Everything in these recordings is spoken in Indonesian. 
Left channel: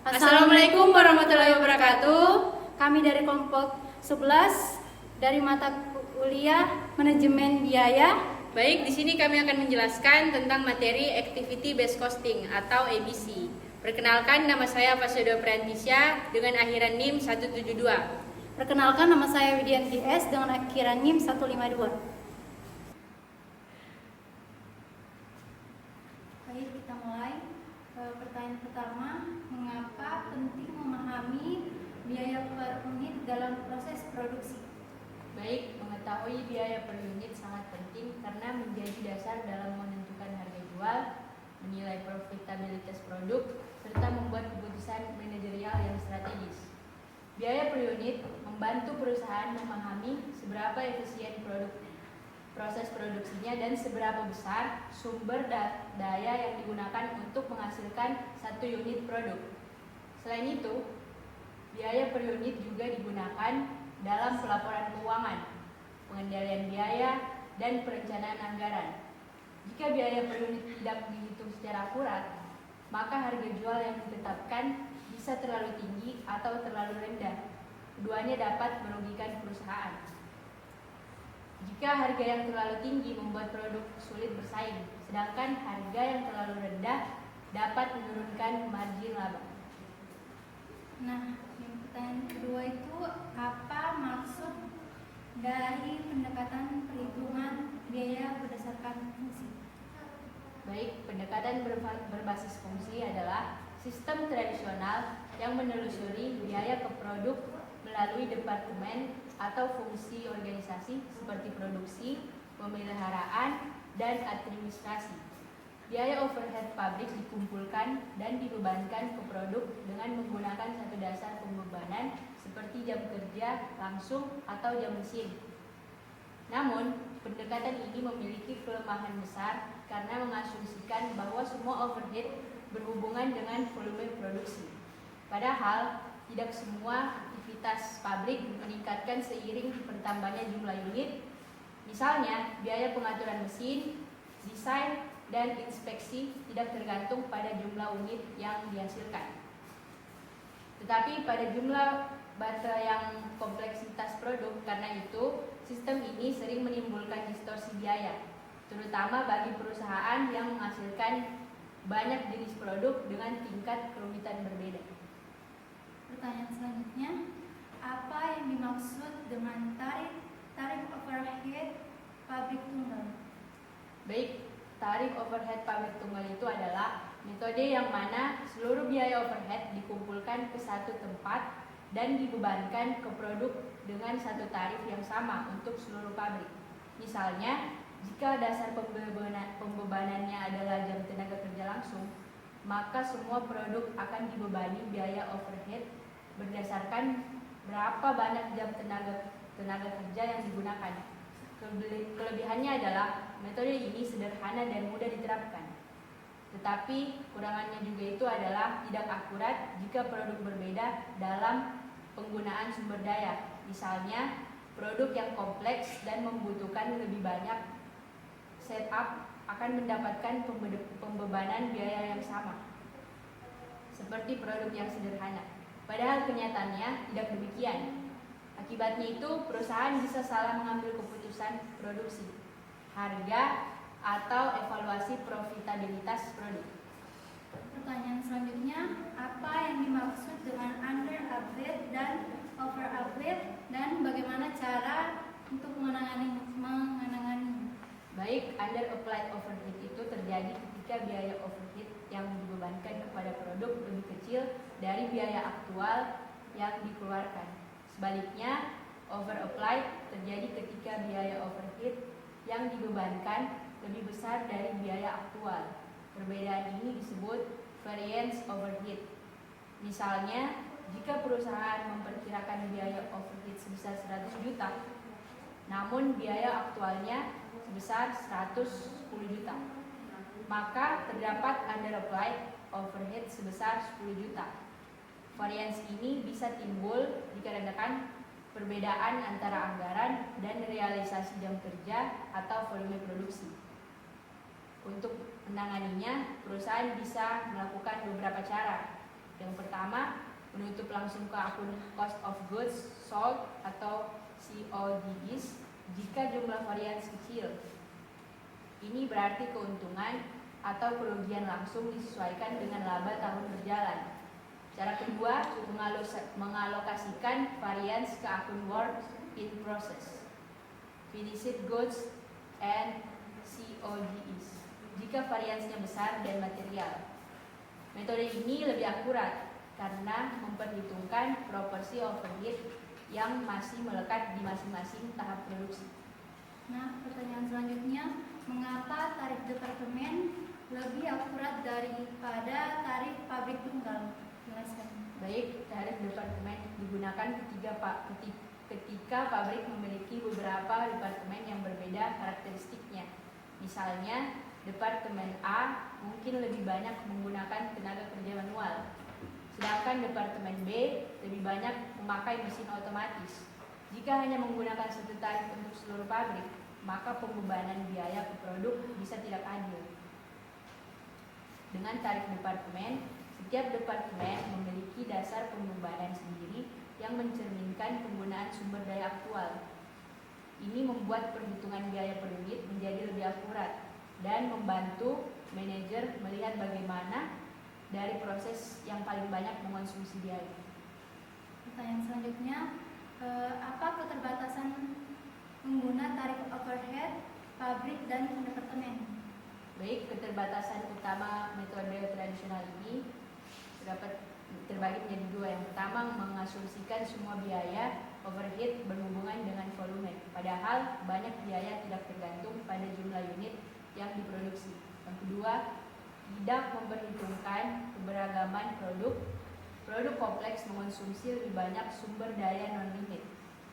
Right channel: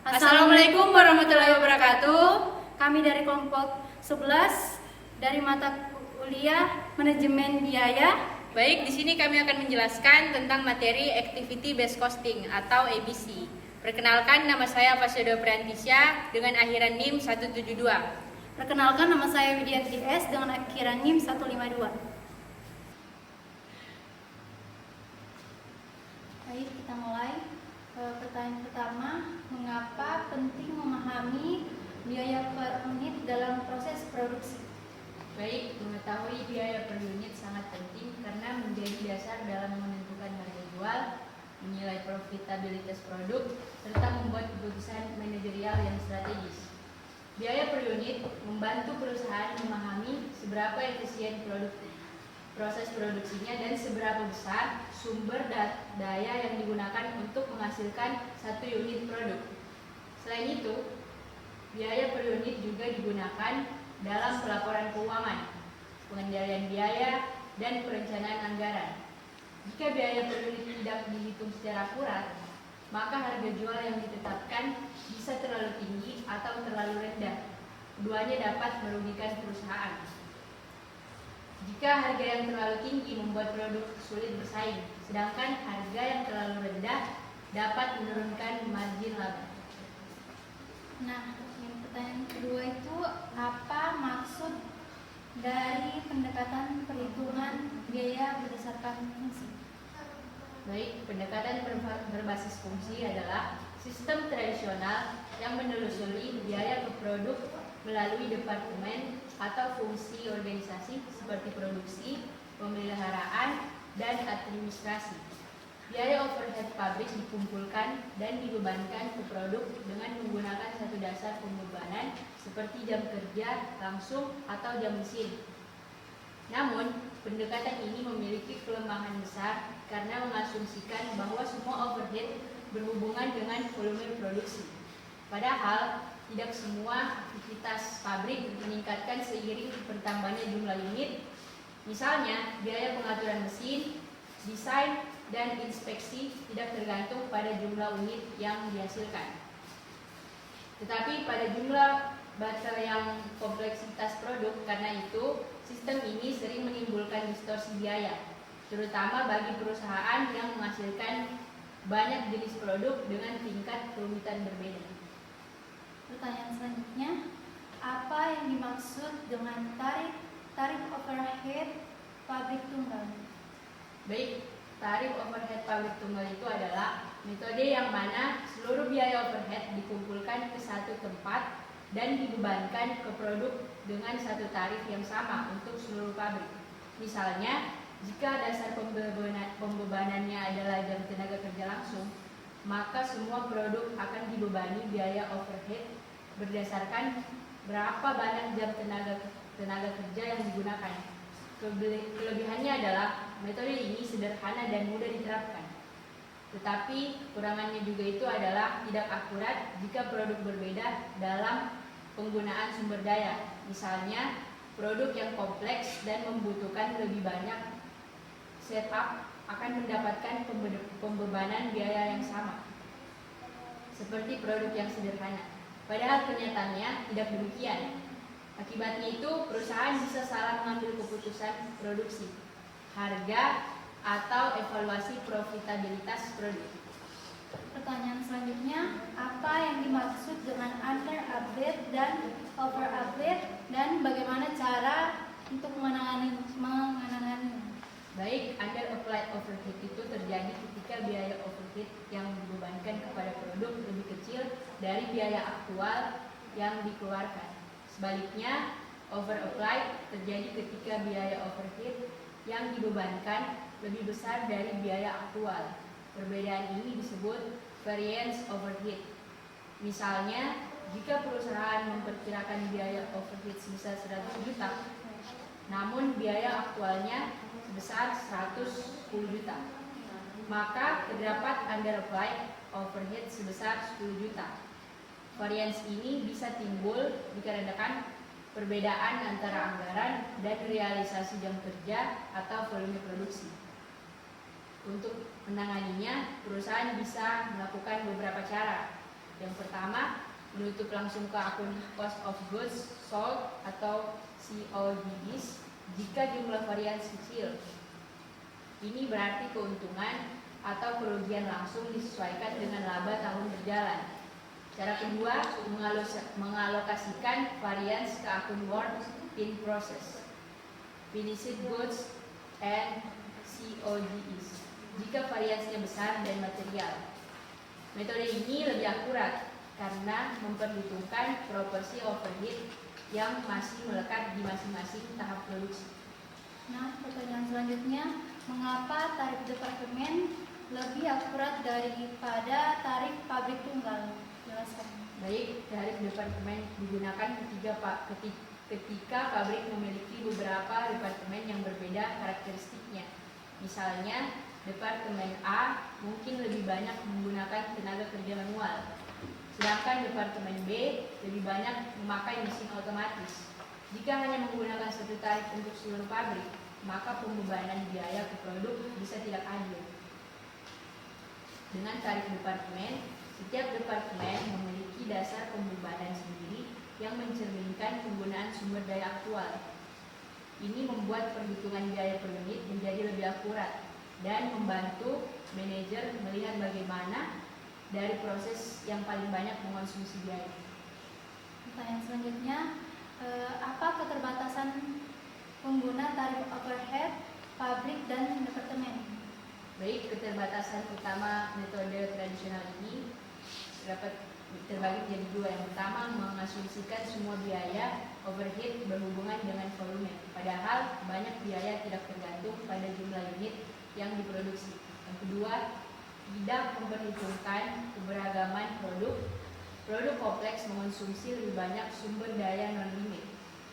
Assalamualaikum warahmatullahi wabarakatuh. Kami dari kelompok 11 dari mata kuliah Manajemen Biaya. Baik, di sini kami akan menjelaskan tentang materi Activity Based Costing atau ABC. Perkenalkan, nama saya Fasyodo Priantisya dengan akhiran NIM 172. Perkenalkan, nama saya Widianti S dengan akhiran NIM 152. Baik, kita mulai. Pertanyaan pertama, mengapa penting memahami biaya per unit dalam proses produksi? Baik, mengetahui biaya per unit sangat penting karena menjadi dasar dalam menentukan harga jual, menilai profitabilitas produk, serta membuat keputusan manajerial yang strategis. Biaya per unit membantu perusahaan memahami seberapa efisien proses produksinya dan seberapa besar sumber daya yang digunakan untuk menghasilkan satu unit produk. Selain itu, biaya per unit juga digunakan dalam pelaporan keuangan, pengendalian biaya, dan perencanaan anggaran. Jika biaya per unit tidak dihitung secara akurat, maka harga jual yang ditetapkan bisa terlalu tinggi atau terlalu rendah. Keduanya dapat merugikan perusahaan. Jika harga yang terlalu tinggi membuat produk sulit bersaing, sedangkan harga yang terlalu rendah dapat menurunkan margin laba. Nah, pertanyaan kedua itu, apa maksud dari pendekatan perhitungan biaya berdasarkan fungsi? Baik, pendekatan berbasis fungsi adalah sistem tradisional yang menelusuri biaya ke produk melalui departemen atau fungsi organisasi seperti produksi, pemeliharaan, dan administrasi. Biaya overhead pabrik dikumpulkan dan dibebankan ke produk dengan menggunakan satu dasar pembebanan seperti jam kerja langsung atau jam mesin. Namun, pendekatan ini memiliki kelemahan besar karena mengasumsikan bahwa semua overhead berhubungan dengan volume produksi. Padahal, tidak semua aktivitas pabrik meningkatkan seiring bertambahnya jumlah unit. Misalnya, biaya pengaturan mesin, desain, dan inspeksi tidak tergantung pada jumlah unit yang dihasilkan. Tetapi pada jumlah baterai yang kompleksitas produk, karena itu sistem ini sering menimbulkan distorsi biaya, terutama bagi perusahaan yang menghasilkan banyak jenis produk dengan tingkat kerumitan berbeda. Pertanyaan selanjutnya, apa yang dimaksud dengan tarif overhead pabrik tunggal? Baik, tarif overhead pabrik tunggal itu adalah metode yang mana seluruh biaya overhead dikumpulkan ke satu tempat dan dibebankan ke produk dengan satu tarif yang sama untuk seluruh pabrik. Misalnya, jika dasar pembebanannya adalah jam tenaga kerja langsung, maka semua produk akan dibebani biaya overhead berdasarkan berapa banyak jam tenaga kerja yang digunakan. Kelebihannya adalah metode ini sederhana dan mudah diterapkan. Tetapi kurangannya juga itu adalah tidak akurat jika produk berbeda dalam penggunaan sumber daya. Misalnya, produk yang kompleks dan membutuhkan lebih banyak setup akan mendapatkan pembebanan biaya yang sama seperti produk yang sederhana. Padahal kenyataannya tidak demikian. Akibatnya itu perusahaan bisa salah mengambil keputusan produksi, harga, atau evaluasi profitabilitas produk. Pertanyaan selanjutnya, apa yang dimaksud dengan under update dan over update dan bagaimana cara untuk menangani? Baik, under applied overhead itu terjadi ketika biaya overhead yang dibebankan kepada produk lebih kecil dari biaya aktual yang dikeluarkan. Sebaliknya, over applied terjadi ketika biaya overhead yang dibebankan lebih besar dari biaya aktual. Perbedaan ini disebut variance overhead. Misalnya, jika perusahaan memperkirakan biaya overhead sebesar 100 juta, namun biaya aktualnya sebesar 110 juta, maka terdapat under applied overhead sebesar 10 juta. Varians ini bisa timbul dikarenakan perbedaan antara anggaran dan realisasi jam kerja atau volume produksi. Untuk menanganinya, perusahaan bisa melakukan beberapa cara. Yang pertama, menutup langsung ke akun cost of goods sold atau COGS jika jumlah varians kecil. Ini berarti keuntungan atau kerugian langsung disesuaikan dengan laba tahun berjalan. Cara kedua, mengalokasikan varians ke akun work in process, finished goods, and COGS jika variansnya besar dan material. Metode ini lebih akurat karena memperhitungkan proporsi overhead yang masih melekat di masing-masing tahap produksi. Nah, pertanyaan selanjutnya, mengapa tarif departemen lebih akurat daripada tarif pabrik tunggal? Jelaskan. Baik, tarif departemen digunakan ketika pabrik memiliki beberapa departemen yang berbeda karakteristiknya. Misalnya, departemen A mungkin lebih banyak menggunakan tenaga kerja manual, sedangkan departemen B lebih banyak memakai mesin otomatis. Jika hanya menggunakan satu tarif untuk seluruh pabrik, maka pembebanan biaya ke produk bisa tidak adil. Dengan tarif departemen, setiap departemen memiliki dasar pembebanan sendiri yang mencerminkan penggunaan sumber daya aktual. Ini membuat perhitungan biaya per unit menjadi lebih akurat dan membantu manajer melihat bagaimana dari proses yang paling banyak mengonsumsi biaya. Pertanyaan selanjutnya, apa keterbatasan pengguna tarif overhead pabrik dan departemen? Baik, keterbatasan utama metode tradisional ini dapat terbagi menjadi dua. Yang pertama, mengasumsikan semua biaya overhead berhubungan dengan volume, padahal banyak biaya tidak tergantung pada jumlah unit yang diproduksi. Yang kedua, tidak memperhitungkan keberagaman produk. Produk kompleks mengonsumsi lebih banyak sumber daya non-limit,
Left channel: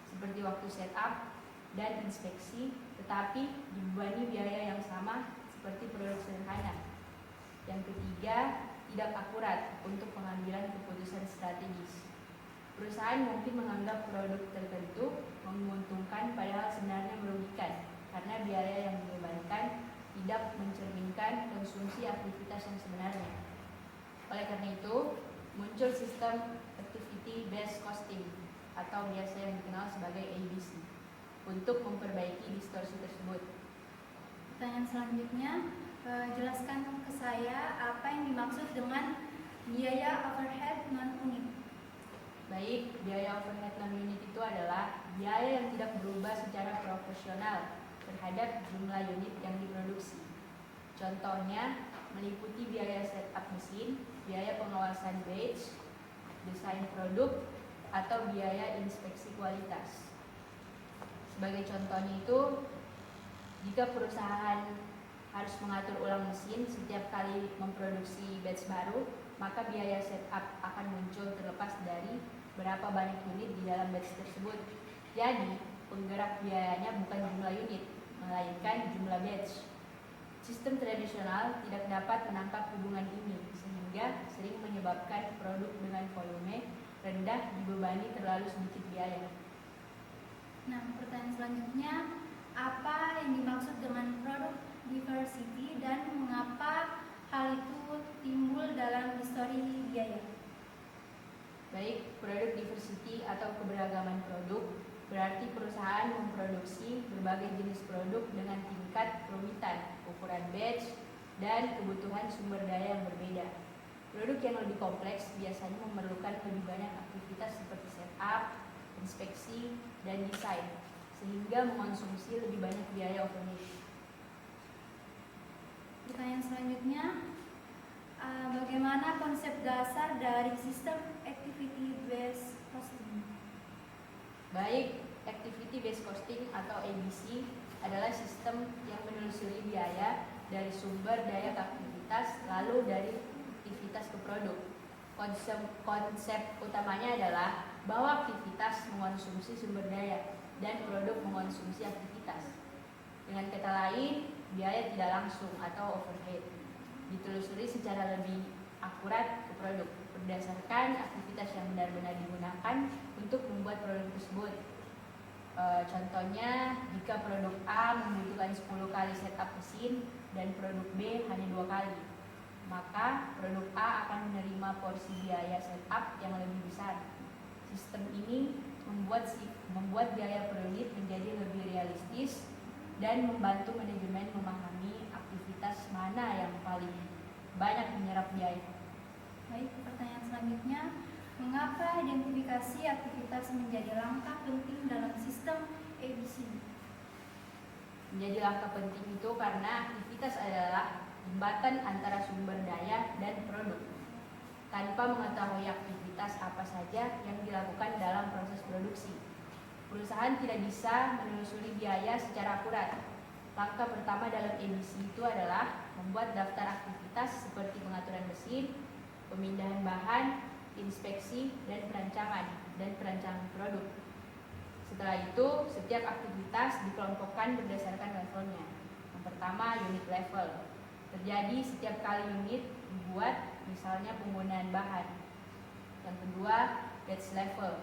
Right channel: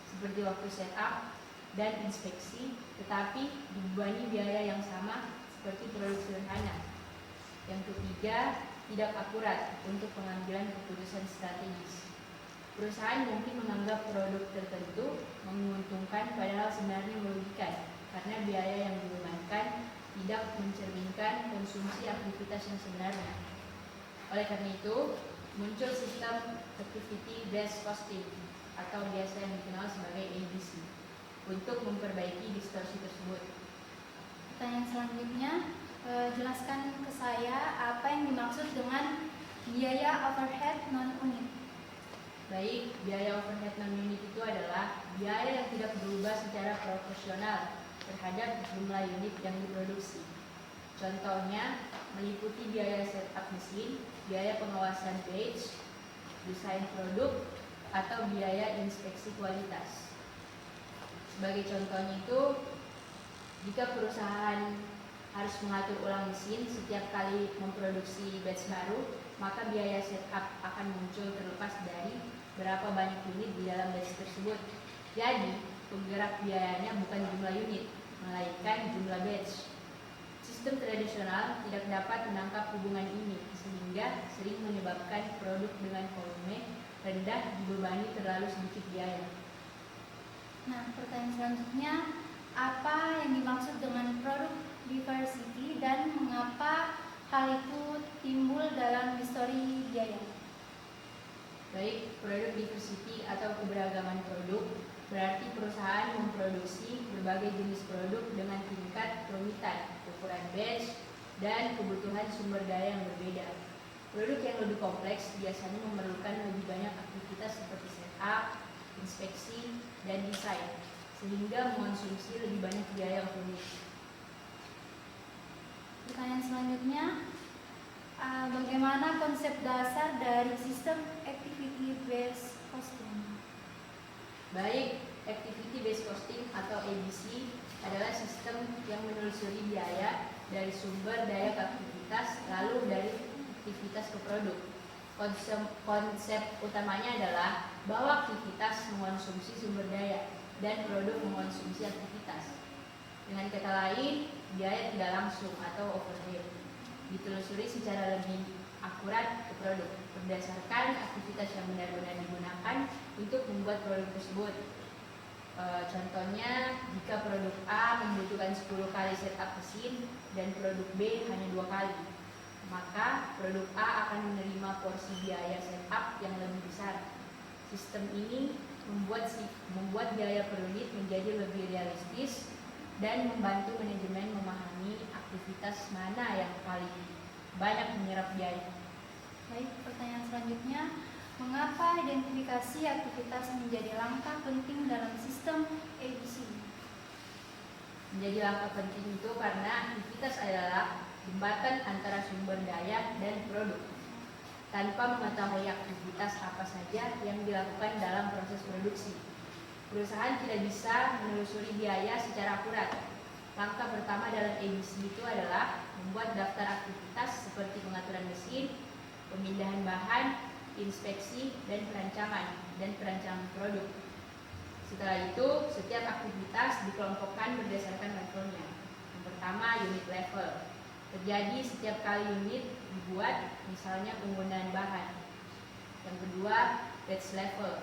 seperti waktu setup dan inspeksi, tetapi dibebani biaya yang sama seperti produk sederhana. Yang ketiga, tidak akurat untuk pengambilan keputusan strategis. Perusahaan mungkin menganggap produk tertentu menguntungkan padahal sebenarnya merugikan karena biaya yang dibebankan tidak mencerminkan konsumsi aktivitas yang sebenarnya. Oleh karena itu, muncul sistem Activity Based Costing atau biasa yang dikenal sebagai ABC untuk memperbaiki distorsi tersebut. Pertanyaan selanjutnya, jelaskan ke saya apa yang dimaksud dengan biaya overhead non-unit. Baik, biaya overhead non-unit itu adalah biaya yang tidak berubah secara proporsional terhadap jumlah unit yang diproduksi. Contohnya meliputi biaya setup mesin, biaya pengawasan batch, desain produk, atau biaya inspeksi kualitas. Sebagai contohnya itu, jika perusahaan harus mengatur ulang mesin setiap kali memproduksi batch baru, maka biaya setup akan muncul terlepas dari berapa banyak unit di dalam batch tersebut. Jadi, penggerak biayanya bukan jumlah unit, melainkan jumlah batch. Sistem tradisional tidak dapat menangkap hubungan ini, sehingga sering menyebabkan produk dengan volume rendah dibebani terlalu sedikit biaya. Nah, pertanyaan selanjutnya, apa yang dimaksud dengan produk diversity dan mengapa hal itu timbul dalam histori biaya? Baik, produk diversity atau keberagaman produk berarti perusahaan memproduksi berbagai jenis produk dengan tingkat kerumitan, ukuran batch, dan kebutuhan sumber daya yang berbeda. Produk yang lebih kompleks biasanya memerlukan lebih banyak aktivitas seperti setup, inspeksi, dan desain, sehingga mengonsumsi lebih banyak biaya overhead. Pertanyaan selanjutnya, bagaimana konsep dasar dari sistem activity based costing? Baik, activity based costing atau ABC adalah sistem yang menelusuri biaya dari sumber daya ke aktivitas lalu dari aktivitas ke produk. Konsep utamanya adalah bahwa aktivitas mengonsumsi sumber daya dan produk mengonsumsi aktivitas. Dengan kata lain, biaya tidak langsung atau overhead ditelusuri secara lebih akurat ke produk berdasarkan aktivitas yang benar-benar digunakan untuk membuat produk tersebut. Contohnya, jika produk A membutuhkan 10 kali setup mesin dan produk B hanya 2 kali, maka produk A akan menerima porsi biaya setup yang lebih besar. Sistem ini membuat biaya per unit menjadi lebih realistis dan membantu manajemen memahami aktivitas mana yang paling banyak menyerap biaya. Baik, pertanyaan selanjutnya, mengapa identifikasi aktivitas menjadi langkah penting dalam sistem ABC? Menjadi langkah penting itu karena aktivitas adalah jembatan antara sumber daya dan produk. Tanpa mengetahui aktivitas apa saja yang dilakukan dalam proses produksi, perusahaan tidak bisa menelusuri biaya secara akurat. Langkah pertama dalam ABC itu adalah membuat daftar aktivitas seperti pengaturan mesin, pemindahan bahan, inspeksi, dan perancangan produk. Setelah itu, setiap aktivitas dikelompokkan berdasarkan levelnya. Yang pertama, unit level. Terjadi setiap kali unit dibuat, misalnya penggunaan bahan. Yang kedua, batch level.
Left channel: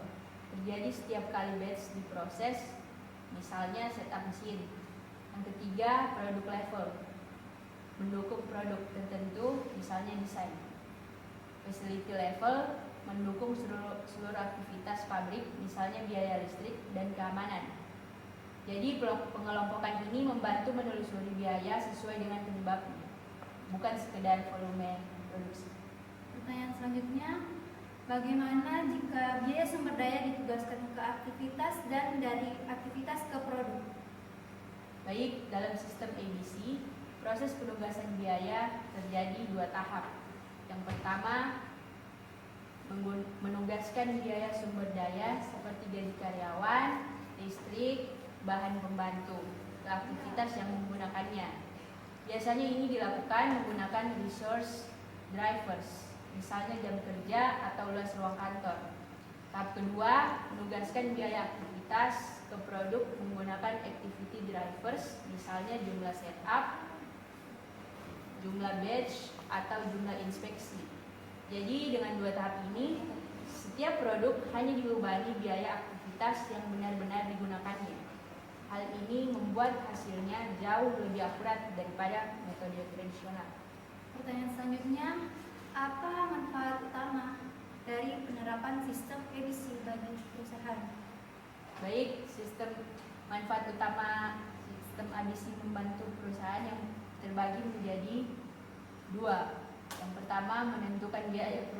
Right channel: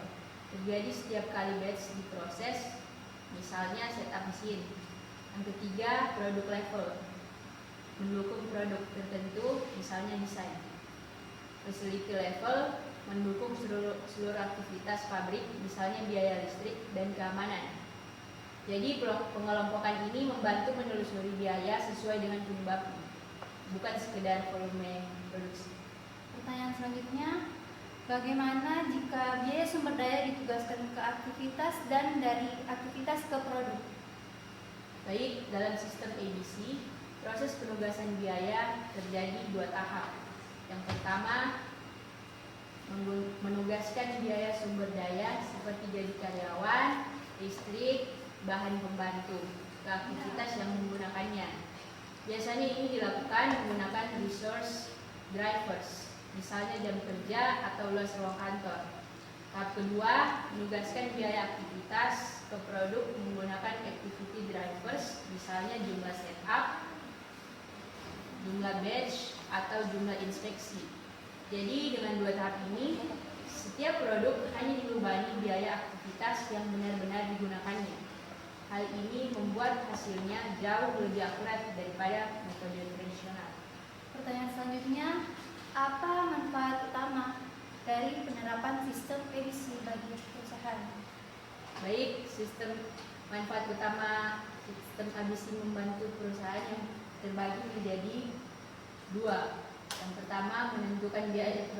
Terjadi setiap kali batch diproses, misalnya setup mesin. Yang ketiga, produk level. Mendukung produk tertentu, misalnya desain. Facility level mendukung seluruh aktivitas pabrik, misalnya biaya listrik dan keamanan. Jadi pengelompokan ini membantu menelusuri biaya sesuai dengan penyebabnya, bukan sekedar volume produksi. Pertanyaan selanjutnya, bagaimana jika biaya sumber daya ditugaskan ke aktivitas dan dari aktivitas ke produk? Baik, dalam sistem ABC, proses penugasan biaya terjadi 2 tahap. Yang pertama, menugaskan biaya sumber daya seperti gaji karyawan, listrik, bahan pembantu ke aktivitas yang menggunakannya. Biasanya ini dilakukan menggunakan resource drivers, misalnya jam kerja atau luas ruang kantor. Tahap kedua, menugaskan biaya aktivitas ke produk menggunakan activity drivers, misalnya jumlah setup, jumlah batch, atau jumlah inspeksi. Jadi dengan 2 tahap ini, setiap produk hanya dibebani biaya aktivitas yang benar-benar digunakannya. Hal ini membuat hasilnya jauh lebih akurat daripada metode tradisional. Pertanyaan selanjutnya, apa manfaat utama dari penerapan sistem ABC bagi perusahaan? Baik, manfaat utama sistem ABC membantu perusahaan yang terbagi menjadi 2. Yang pertama, menentukan biaya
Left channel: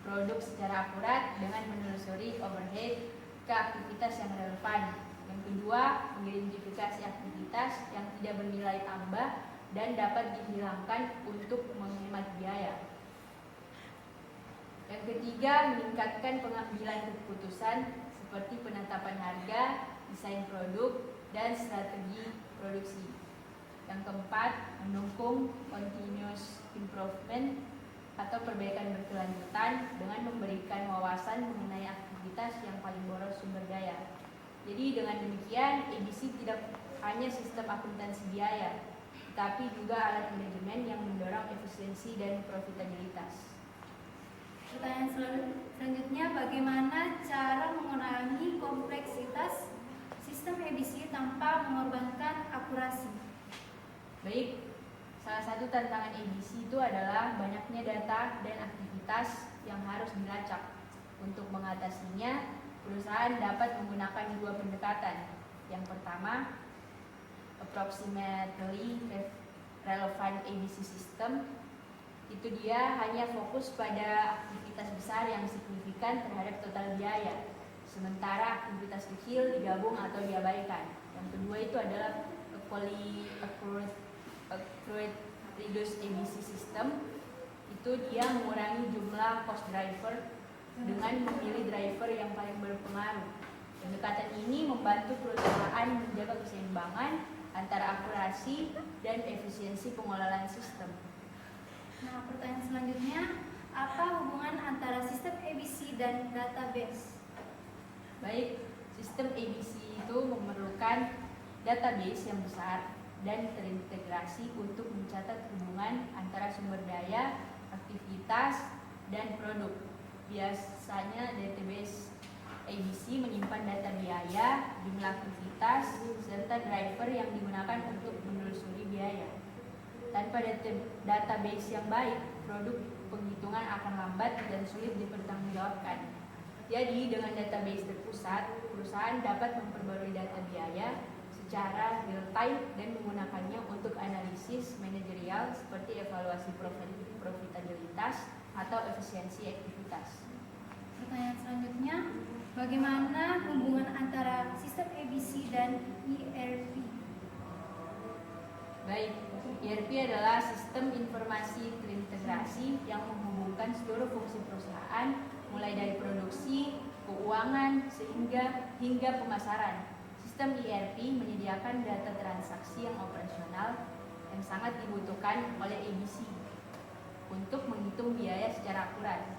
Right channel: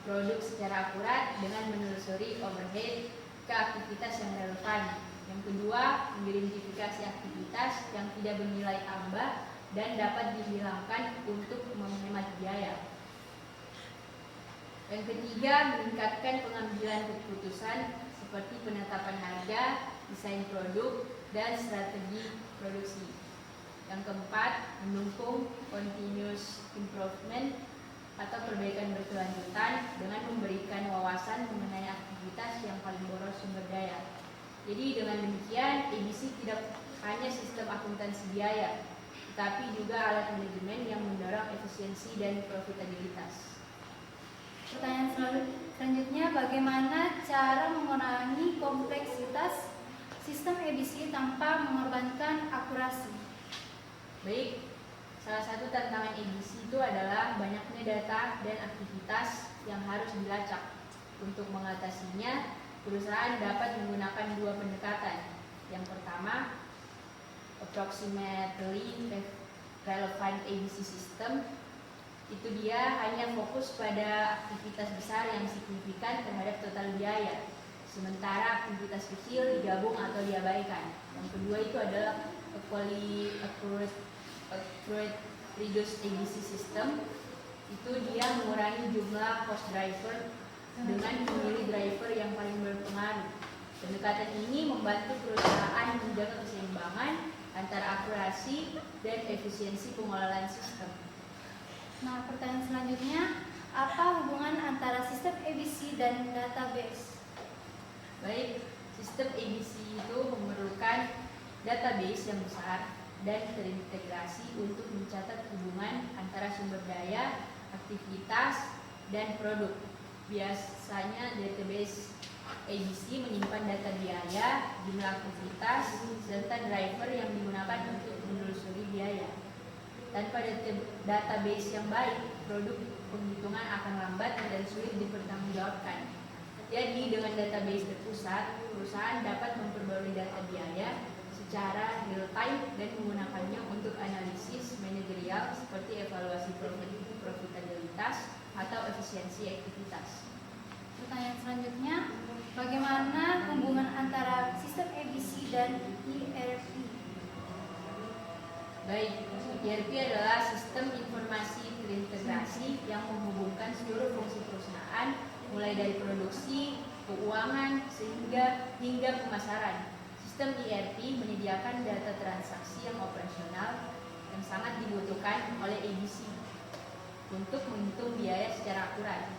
produk secara akurat dengan menelusuri overhead ke aktivitas yang relevan. Yang kedua, mengidentifikasi aktivitas yang tidak bernilai tambah dan dapat dihilangkan untuk menghemat biaya. Yang ketiga, meningkatkan pengambilan keputusan seperti penetapan harga, desain produk, dan strategi produksi. Yang keempat, mendukung continuous improvement atau perbaikan berkelanjutan dengan memberikan wawasan mengenai aktivitas yang paling boros sumber daya. Jadi dengan demikian, ABC tidak hanya sistem akuntansi biaya, tetapi juga alat manajemen yang mendorong efisiensi dan profitabilitas. Pertanyaan selanjutnya, bagaimana cara mengurangi kompleksitas sistem ABC tanpa mengorbankan akurasi? Baik, salah satu tantangan ABC itu adalah banyaknya data dan aktivitas yang harus dilacak. Untuk mengatasinya, perusahaan dapat menggunakan 2 pendekatan. Yang pertama, approximately relevant ABC system. Itu dia hanya fokus pada aktivitas besar yang signifikan terhadap total biaya, sementara aktivitas kecil digabung atau diabaikan. Yang kedua itu adalah accurate reduced ABC system. Itu dia mengurangi jumlah cost driver dengan memilih driver yang paling berpengaruh. Pendekatan ini membantu perusahaan menjaga keseimbangan antara akurasi dan efisiensi pengelolaan sistem. Nah, pertanyaan selanjutnya, apa hubungan antara sistem ABC dan database? Baik, sistem ABC itu memerlukan database yang besar dan terintegrasi untuk mencatat hubungan antara sumber daya, aktivitas, dan produk. Biasanya database ABC menyimpan data biaya, jumlah aktivitas, serta driver yang digunakan untuk menelusuri biaya. Tanpa database yang baik, produk penghitungan akan lambat dan sulit dipertanggungjawabkan. Jadi, dengan database terpusat, perusahaan dapat memperbarui data biaya secara real time dan menggunakannya untuk analisis manajerial seperti evaluasi profitabilitas atau efisiensi aktivitas. Pertanyaan selanjutnya, bagaimana hubungan antara sistem ABC dan ERP? Baik, ERP adalah sistem informasi terintegrasi yang menghubungkan seluruh fungsi perusahaan mulai dari produksi, keuangan, hingga pemasaran. Sistem ERP menyediakan data transaksi yang operasional yang sangat dibutuhkan oleh ABC untuk menghitung biaya secara akurat.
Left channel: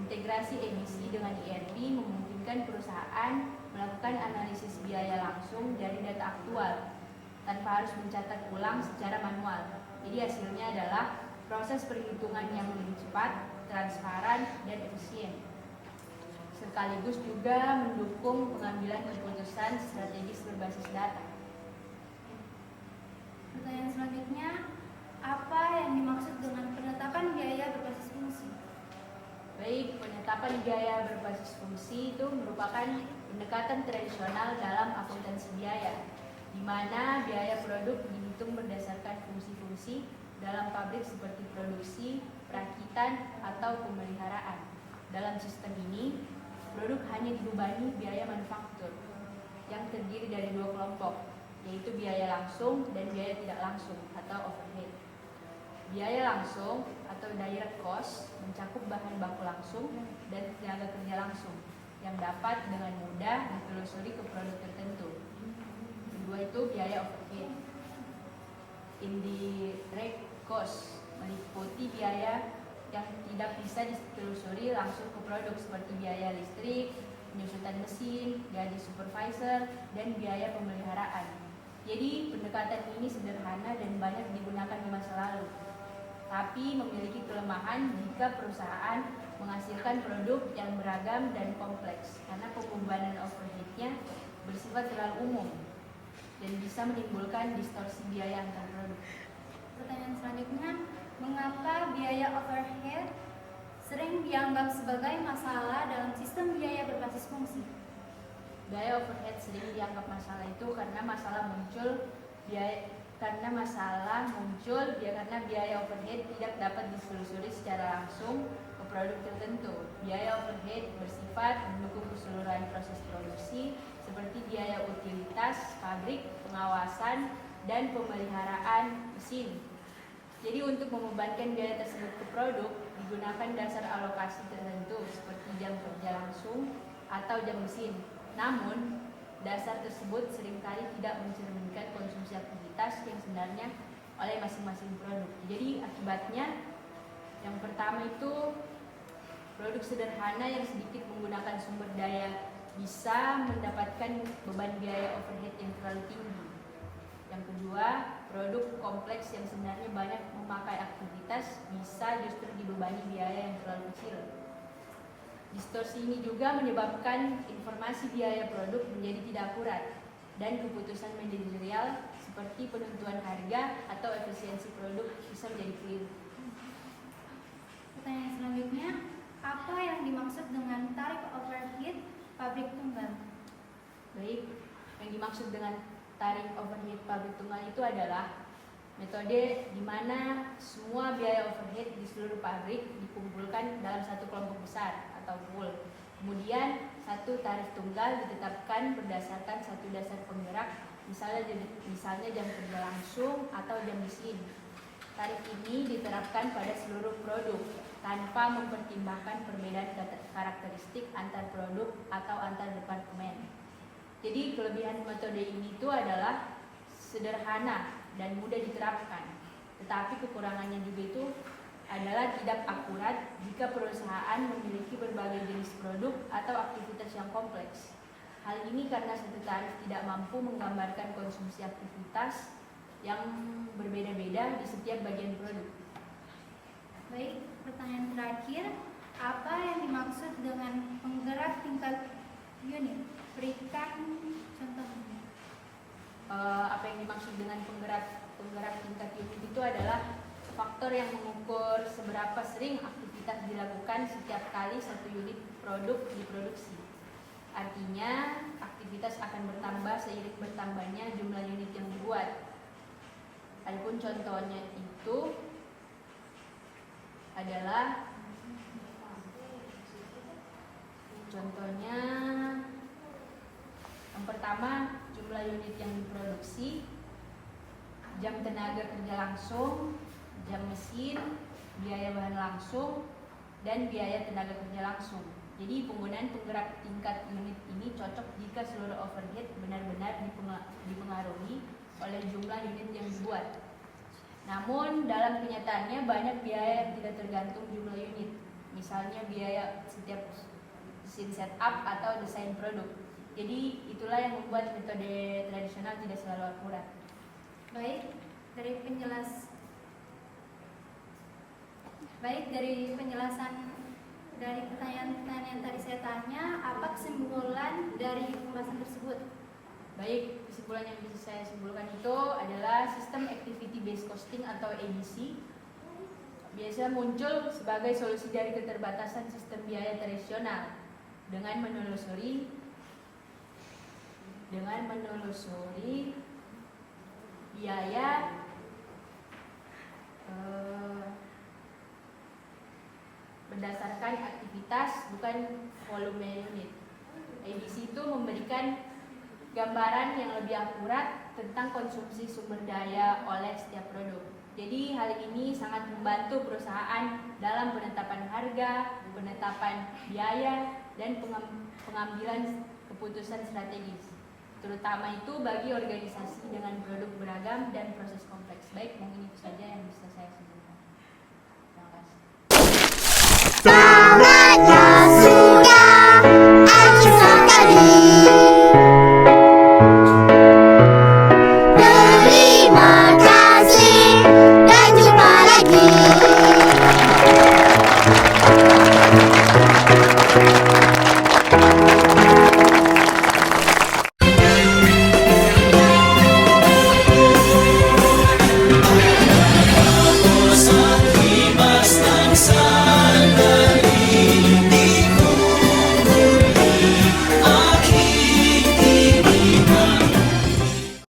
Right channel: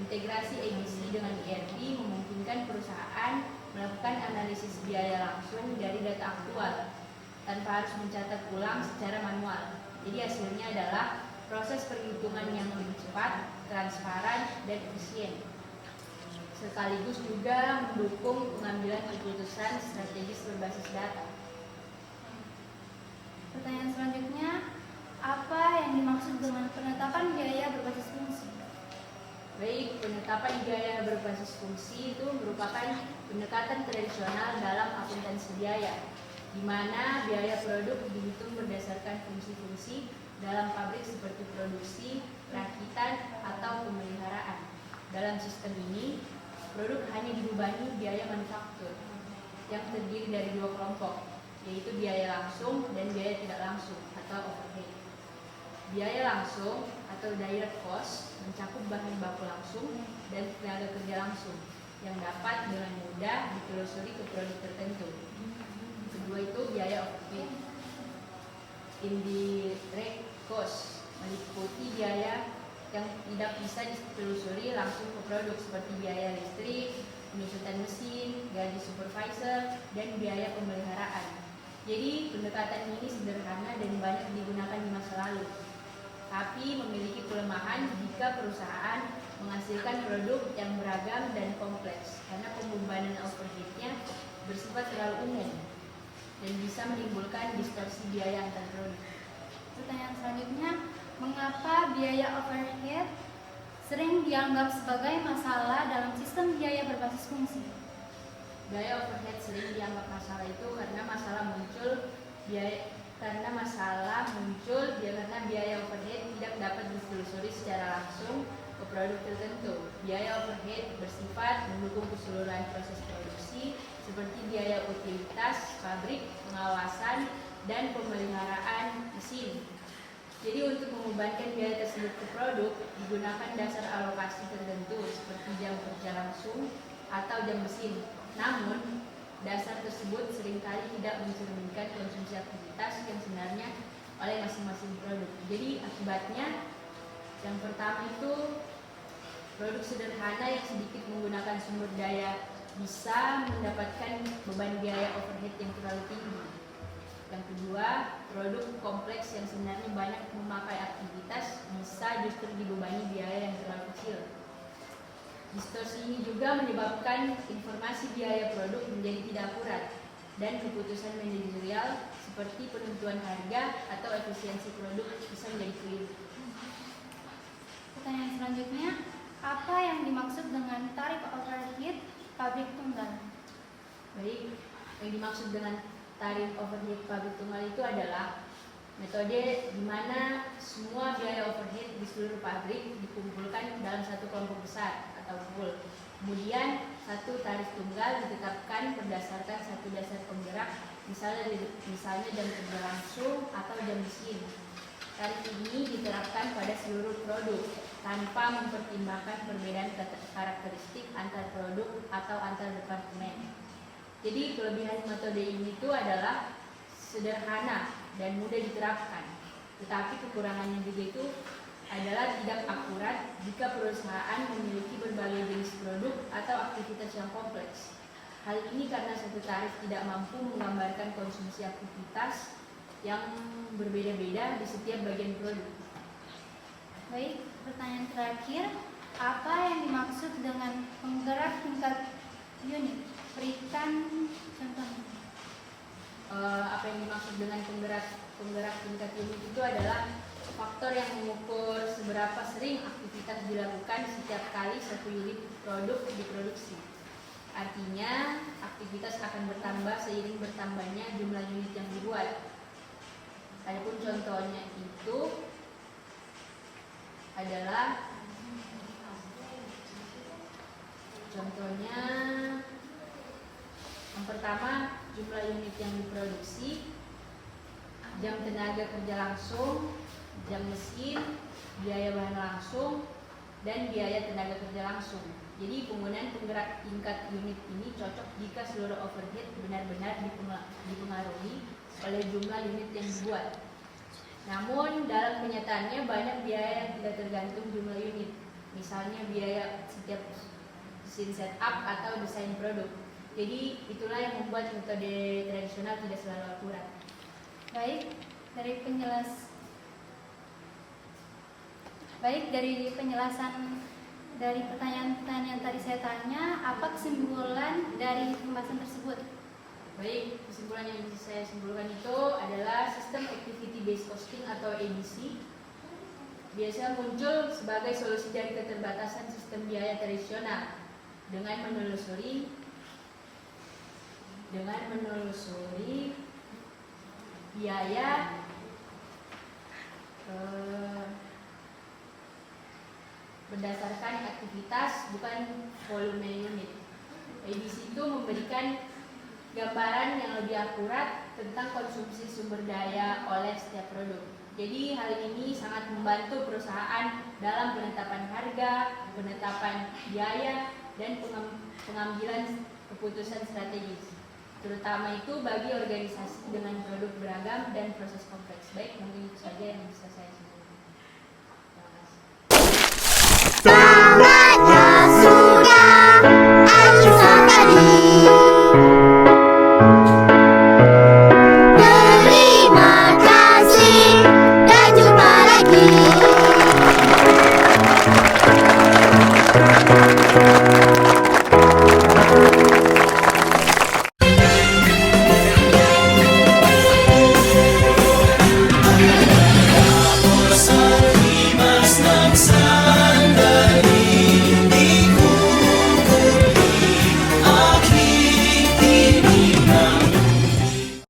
Integrasi ABC dengan ERP memungkinkan perusahaan melakukan analisis biaya langsung dari data aktual tanpa harus mencatat ulang secara manual. Jadi hasilnya adalah proses perhitungan yang lebih cepat, transparan, dan efisien. Sekaligus juga mendukung pengambilan keputusan strategis berbasis data. Pertanyaan selanjutnya, apa yang dimaksud dengan penetapan biaya berbasis fungsi? Baik, penetapan biaya berbasis fungsi itu merupakan pendekatan tradisional dalam akuntansi biaya, di mana biaya produk dihitung berdasarkan fungsi-fungsi dalam pabrik seperti produksi, perakitan, atau pemeliharaan. Dalam sistem ini, produk hanya dibebangi biaya manufaktur yang terdiri dari dua kelompok, yaitu biaya langsung dan biaya tidak langsung atau overhead. Biaya langsung atau direct cost mencakup bahan baku langsung dan tenaga kerja langsung yang dapat dengan mudah ditelusuri ke produk tertentu. Kedua itu biaya overhead. Indirect cost meliputi biaya yang tidak bisa ditelusuri langsung ke produk seperti biaya listrik, penyusutan mesin, gaji supervisor, dan biaya pemeliharaan. Jadi pendekatan ini sederhana dan banyak digunakan di masa lalu, tapi memiliki kelemahan jika perusahaan menghasilkan produk yang beragam dan kompleks karena pembebanan overhead-nya bersifat terlalu umum dan bisa menimbulkan distorsi biaya antar produk. Pertanyaan selanjutnya, mengapa biaya overhead sering dianggap sebagai masalah dalam sistem biaya berbasis fungsi? Biaya overhead sering dianggap masalah itu karena masalah muncul karena biaya overhead tidak dapat ditelusuri secara langsung ke produk tertentu. Biaya overhead bersifat mendukung keseluruhan proses produksi seperti biaya utilitas, pabrik, pengawasan, dan pemeliharaan mesin. Jadi untuk membebankan biaya tersebut ke produk digunakan dasar alokasi tertentu seperti jam kerja langsung atau jam mesin. Namun dasar tersebut seringkali tidak mencerminkan konsumsi aktivitas yang sebenarnya oleh masing-masing produk. Jadi akibatnya yang pertama itu produk sederhana yang sedikit menggunakan sumber daya bisa mendapatkan beban biaya overhead yang terlalu tinggi. Yang kedua, produk kompleks yang sebenarnya banyak memakai aktivitas bisa justru dibebani biaya yang terlalu kecil. Distorsi ini juga menyebabkan informasi biaya produk menjadi tidak akurat dan keputusan manajerial seperti penentuan harga atau efisiensi produk bisa menjadi keliru. Pertanyaan selanjutnya, apa yang dimaksud dengan tarif overhead pabrik tunggal? Baik, yang dimaksud dengan tarif overhead pabrik tunggal itu adalah metode di mana semua biaya overhead di seluruh pabrik dikumpulkan dalam satu kelompok besar atau pool. Kemudian satu tarif tunggal ditetapkan berdasarkan satu dasar penggerak, misalnya jam kerja langsung atau jam mesin. Tarif ini diterapkan pada seluruh produk tanpa mempertimbangkan perbedaan karakteristik antar produk atau antar departemen. Jadi kelebihan metode ini itu adalah sederhana dan mudah diterapkan. Tetapi kekurangannya juga itu adalah tidak akurat jika perusahaan memiliki berbagai jenis produk atau aktivitas yang kompleks. Hal ini karena satu tarif tidak mampu menggambarkan konsumsi aktivitas yang berbeda-beda di setiap bagian produk. Baik, pertanyaan terakhir, apa yang dimaksud dengan penggerak tingkat unit? Berikan contohnya. Apa yang dimaksud dengan penggerak tingkat unit itu adalah faktor yang mengukur seberapa sering aktivitas dilakukan setiap kali satu unit produk diproduksi. Artinya, aktivitas akan bertambah seiring bertambahnya jumlah unit yang dibuat. Adapun contohnya itu adalah contohnya yang pertama, jumlah unit yang diproduksi, jam tenaga kerja langsung, jam mesin, biaya bahan langsung, dan biaya tenaga kerja langsung. Jadi penggunaan penggerak tingkat unit ini cocok jika seluruh overhead benar-benar dipengaruhi oleh jumlah unit yang dibuat. Namun dalam kenyataannya banyak biaya yang tidak tergantung jumlah unit. Misalnya biaya setiap mesin setup atau desain produk. Jadi itulah yang membuat metode tradisional tidak selalu akurat. Baik, dari penjelasan dari pertanyaan-pertanyaan yang tadi saya tanya, apa kesimpulan dari pembahasan tersebut? Baik, kesimpulan yang bisa saya simpulkan itu adalah sistem activity based costing atau ABC biasa muncul sebagai solusi dari keterbatasan sistem biaya tradisional dengan menelusuri biaya berdasarkan aktivitas bukan volume unit. ABC itu memberikan gambaran yang lebih akurat tentang konsumsi sumber daya oleh setiap produk. Jadi hal ini sangat membantu perusahaan dalam penetapan harga, penetapan biaya, dan pengambilan keputusan strategis. Terutama itu bagi organisasi dengan produk beragam dan proses kompleks. Baik, mungkin itu saja yang bisa saya sampaikan.